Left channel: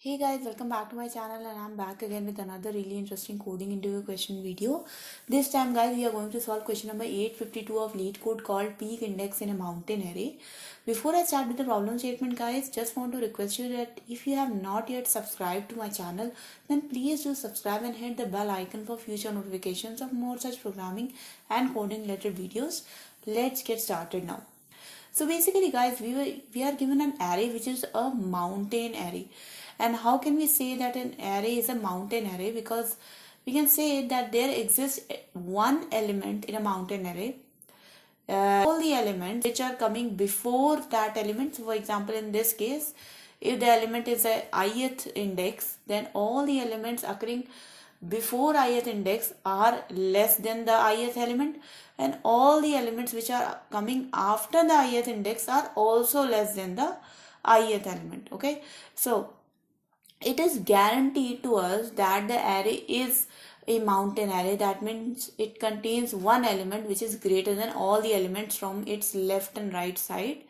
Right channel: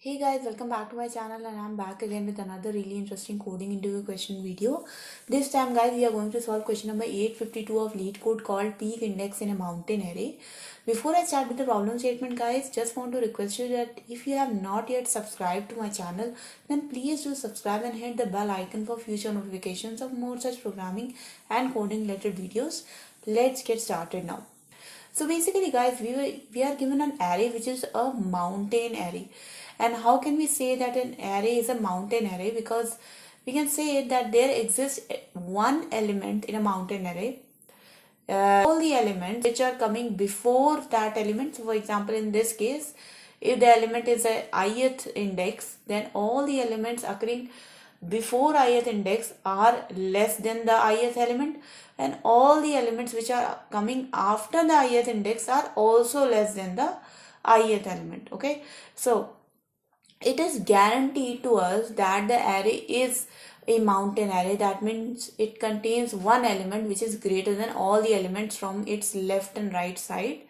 Hey guys, welcome back to my channel and I'm back again with another really interesting coding interview question video. This time guys, we are going to solve question number 852 of Leetcode called peak index in a mountain array. Before I start with the problem statement guys, just want to request you that if you have not yet subscribed to my channel, then please do subscribe and hit the bell icon for future notifications of more such programming and coding related videos. Let's get started now. So basically guys, we are given an array which is a mountain array. And how can we say that an array is a mountain array? Because we can say that there exists one element in a mountain array. All the elements which are coming before that element. So for example, in this case, if the element is a ith index, then all the elements occurring before ith index are less than the ith element, and all the elements which are coming after the ith index are also less than the ith element. Okay, so it is guaranteed to us that the array is a mountain array. That means it contains one element which is greater than all the elements from its left and right side.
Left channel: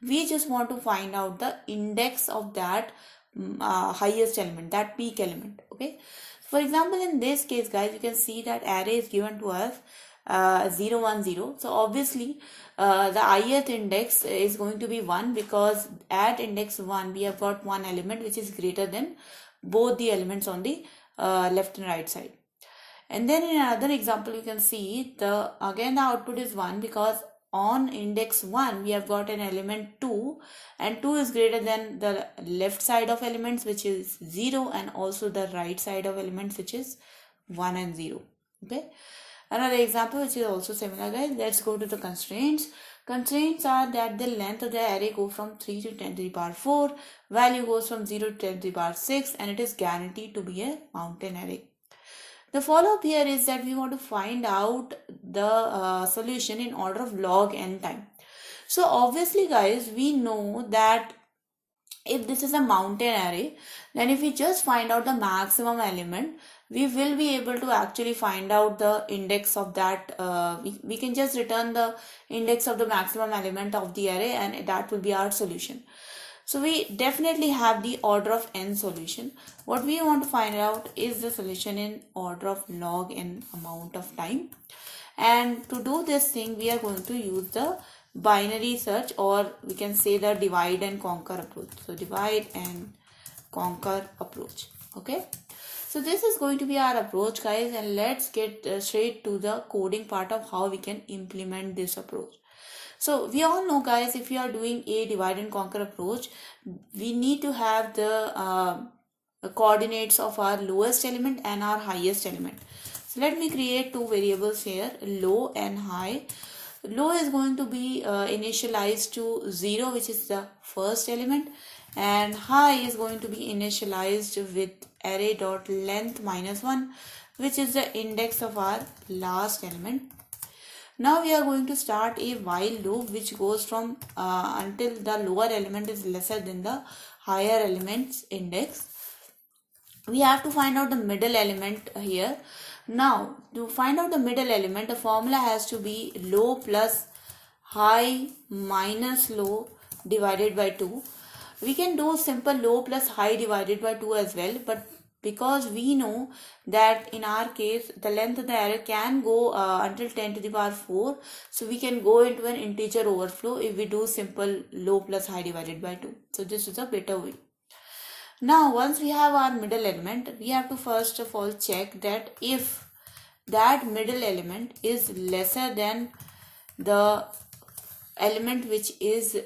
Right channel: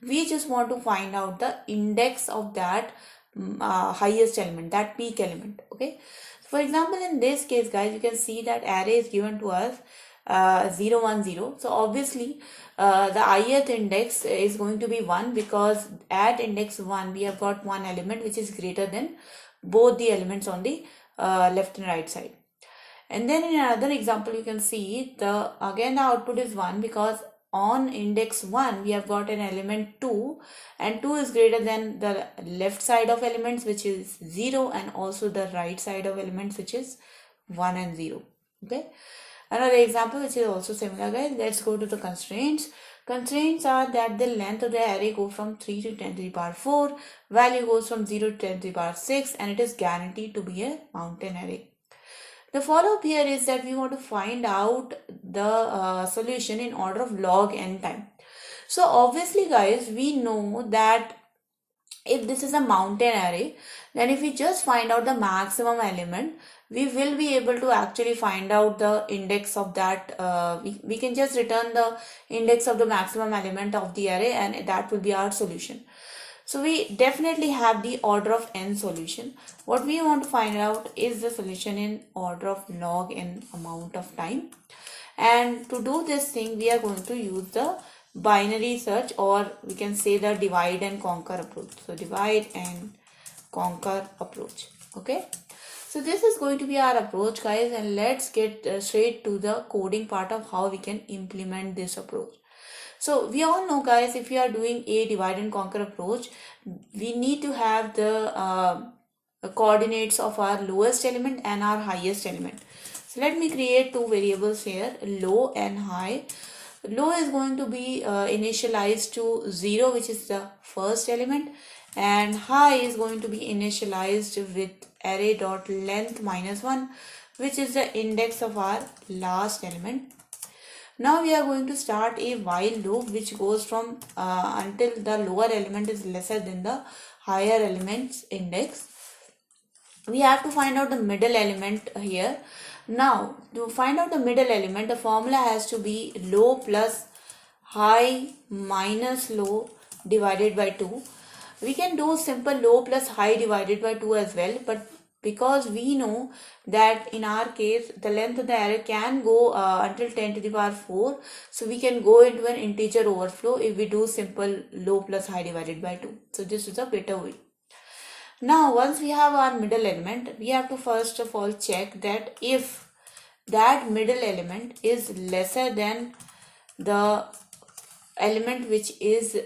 We just want to find out the index of that highest element, that peak element. Okay, for example, in this case guys, you can see that array is given to us 0 1 0. So obviously the ith index is going to be 1, because at index 1 we have got one element which is greater than both the elements on the left and right side. And then in another example, you can see the output is 1, because on index 1 we have got an element 2, and 2 is greater than the left side of elements which is 0, and also the right side of elements which is 1 and 0. Okay, another example which is also similar guys. Let's go to the constraints. Constraints are that the length of the array go from 3 to 10 to the power 4, value goes from 0 to 10 to the power 6, and it is guaranteed to be a mountain array. The follow-up here is that we want to find out the solution in order of log n time. So obviously guys, we know that if this is a mountain array, then if we just find out the maximum element, we will be able to actually find out the index of that. We can just return the index of the maximum element of the array, and that will be our solution. So we definitely have the order of n solution. What we want to find out is the solution in order of log n amount of time. And to do this thing, we are going to use the binary search, or we can say the divide and conquer approach. So divide and conquer approach. Okay. So this is going to be our approach guys, and let's get straight to the coding part of how we can implement this approach. So we all know guys, if we are doing a divide and conquer approach, we need to have the coordinates of our lowest element and our highest element. So let me create two variables here, low and high. Low is going to be initialized to 0, which is the first element, and high is going to be initialized with array.length -1, which is the index of our last element. Now we are going to start a while loop which goes from until the lower element is lesser than the higher element's index. We have to find out the middle element here. Now to find out the middle element, the formula has to be low plus high minus low divided by 2. We can do simple low plus high divided by 2 as well, but because we know that in our case the length of the array can go until 10 to the power 4, so we can go into an integer overflow if we do simple low plus high divided by 2. So this is a better way. Now once we have our middle element, we have to first of all check that if that middle element is lesser than the element which is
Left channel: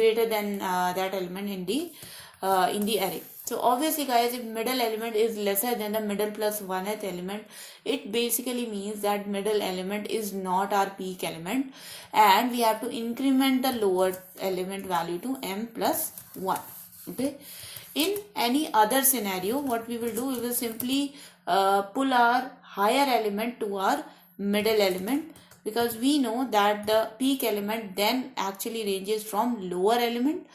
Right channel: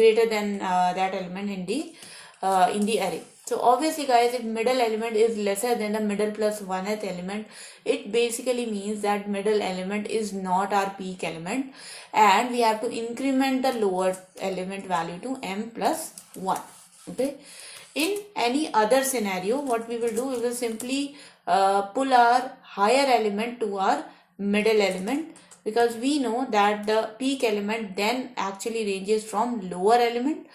greater than that element in the array. So obviously guys, if middle element is lesser than the middle plus 1th element, it basically means that middle element is not our peak element, and we have to increment the lower element value to m plus 1. Okay. In any other scenario, what we will do, we will simply pull our higher element to our middle element, because we know that the peak element then actually ranges from lower element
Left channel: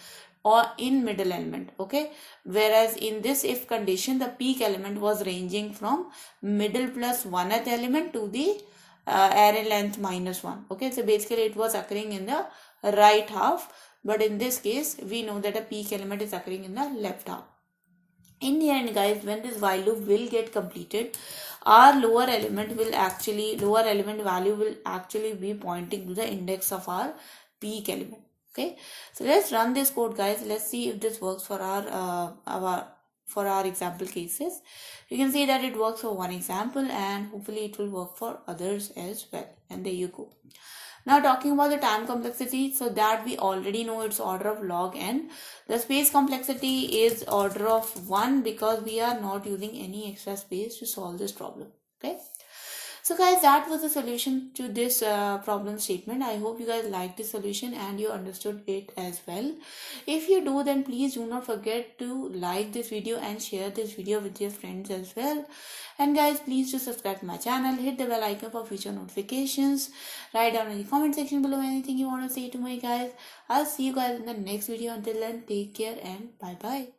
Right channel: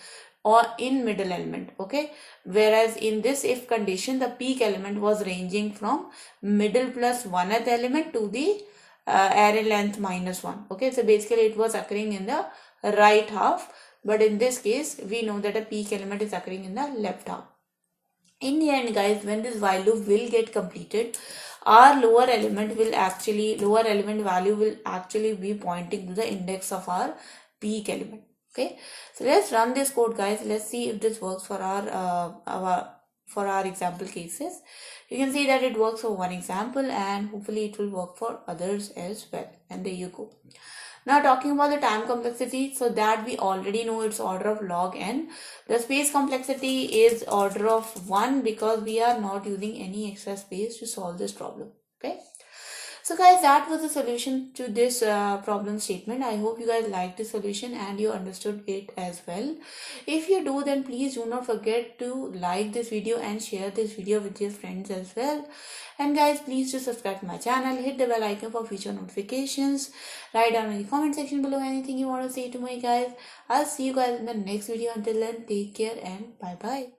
or in middle element. Okay, whereas in this if condition, the peak element was ranging from middle plus 1th element to the array length -1. Okay, so basically it was occurring in the right half but in this case we know that a peak element is occurring in the left half. In the end, guys, when this while loop will get completed, our lower element value will actually be pointing to the index of our peak element. Okay, so let's run this code, guys. Let's see if this works for our example cases. You can see that it works for one example, and hopefully it will work for others as well. And there you go. Now talking about the time complexity, so that we already know it's order of log n. The space complexity is order of 1 because we are not using any extra space to solve this problem. Okay. So guys, that was the solution to this problem statement. I hope you guys liked the solution and you understood it as well. If you do, then please do not forget to like this video and share this video with your friends as well. And guys, please do subscribe to my channel, hit the bell icon for future notifications, write down in the comment section below anything you want to say to my guys. I'll see you guys in the next video. Until then, take care and bye bye.